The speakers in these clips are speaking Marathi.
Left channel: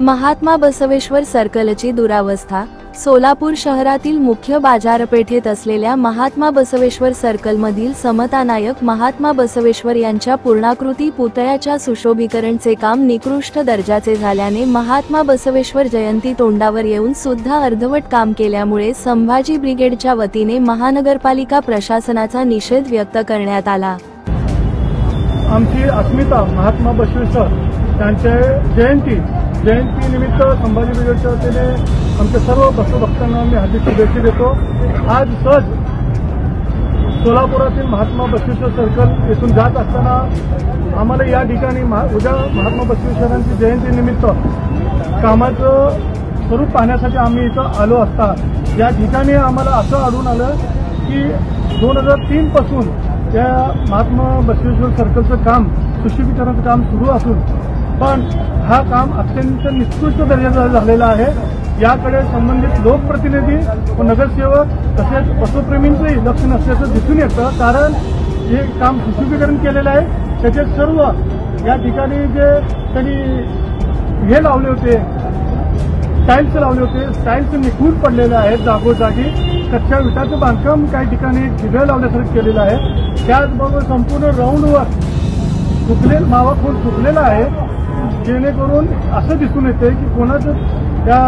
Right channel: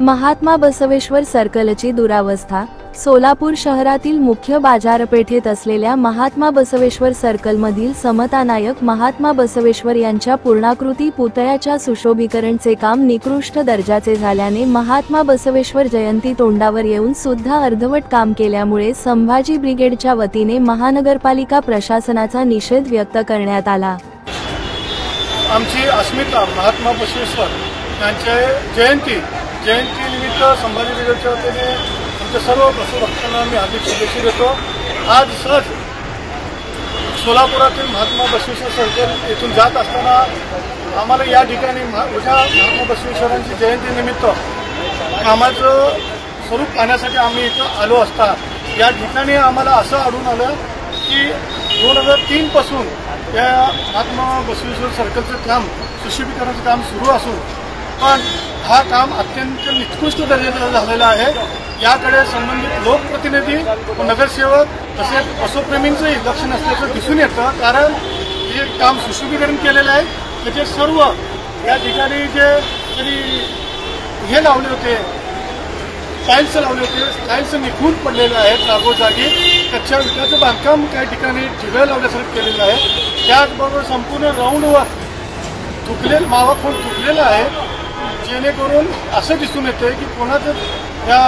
महात्मा बसवेश्वर सर्कलची दुरावस्था। सोलापूर शहरातील मुख्य बाजारपेठेत असलेल्या महात्मा बसवेश्वर सर्कलमधील समतानायक महात्मा बसवेश्वर यांच्या पूर्णाकृती पुतळ्याच्या सुशोभीकरणचे काम निकृष्ट दर्जाचे झाल्याने महात्मा बसवेश्वर जयंती तोंडावर येऊन सुद्धा अर्धवट काम केल्यामुळे संभाजी ब्रिगेडच्या वतीने महानगरपालिका प्रशासनाचा निषेध व्यक्त करण्यात आला। आमची अस्मिता महात्मा बसवेश्वर यांच्या जयंती निमित्त संभाजी ब्रिगेडच्या वतीने आमच्या सर्व बसवभक्तांना मी हार्दिक शुभेच्छा देतो। आज सहज सोलापुरातील महात्मा बसवेश्वर सर्कल येथून जात असताना आम्हाला या ठिकाणी उद्या महात्मा बसवेश्वरांची जयंती निमित्त कामाचं स्वरूप पाहण्यासाठी आम्ही इथं आलो असता या ठिकाणी आम्हाला असं आढळून आलं की 2003 पासून या महात्मा बसवेश्वर सर्कलचं काम सुशोभीकरणाचं काम सुरू असून पण हा काम अत्यंत निकृष्ट दर्जाचं झालेलं आहे। याकडे संबंधित लोकप्रतिनिधी व नगरसेवक तसेच पशुप्रेमींचंही लक्ष नसल्याचं दिसून येतं। कारण हे काम सुशोभीकरण केलेलं आहे, त्याचे सर्व या ठिकाणी जे तरी हे लावले होते टाईल्स लावले होते, टाईल्स निघून पडलेले आहेत जागोजागी। कच्च्या विटाचं बांधकाम काही ठिकाणी ठिगळ लावल्यासारखं केलेलं आहे। त्याचबरोबर संपूर्ण राऊंडवर मावा खोल थुकलेला आहे, जेणेकरून असं दिसून येते की कोणाचं त्या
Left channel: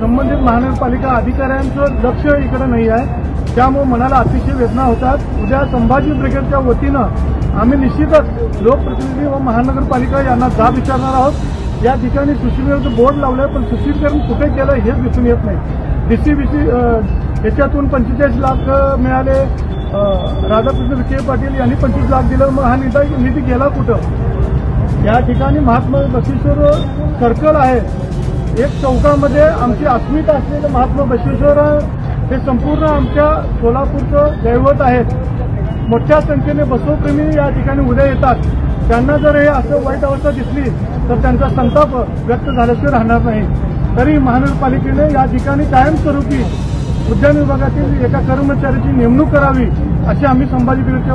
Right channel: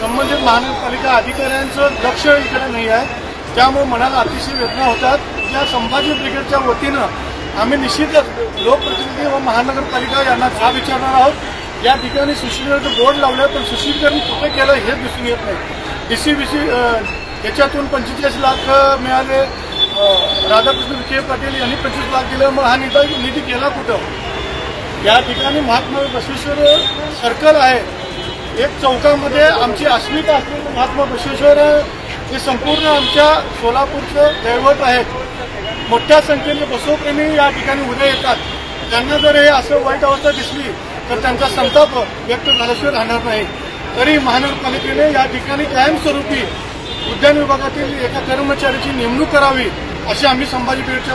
संबंधित महानगरपालिका अधिकाऱ्यांचं लक्ष इकडे नाही आहे। त्यामुळे मनाला अतिशय वेदना होतात। उद्या संभाजी ब्रिगेडच्या वतीनं आम्ही निश्चितच लोकप्रतिनिधी व महानगरपालिका यांना जाब विचारणार आहोत। या ठिकाणी सुशोभीकरणाचं बोर्ड लावलं पण सुशोभीकरण कुठे केलं हेच दिसून येत नाही। डीसीबीसी याच्यातून 45 लाख मिळाले, राधाकृष्ण विखे पाटील यांनी 25 लाख दिलं, मग हा निधी गेला कुठं? या ठिकाणी महात्मा बसवेश्वर सर्कल आहे, एक चौकामध्ये आमची अस्मिता असलेलं महात्मा बसवेश्वर हे संपूर्ण आमच्या सोलापूरचं दैवत आहेत। मोठ्या संख्येने बसवप्रेमी या ठिकाणी उद्या येतात। त्यांना जर हे असं वाईट अवस्था दिसली तर त्यांचा संताप व्यक्त झाल्याशिवाय राहणार नाही। तरी महानगरपालिकेने या ठिकाणी कायमस्वरूपी उद्यान विभागातील एका कर्मचाऱ्याची नेमणूक करावी अशी आम्ही संभाजी ब्रिगेडच्या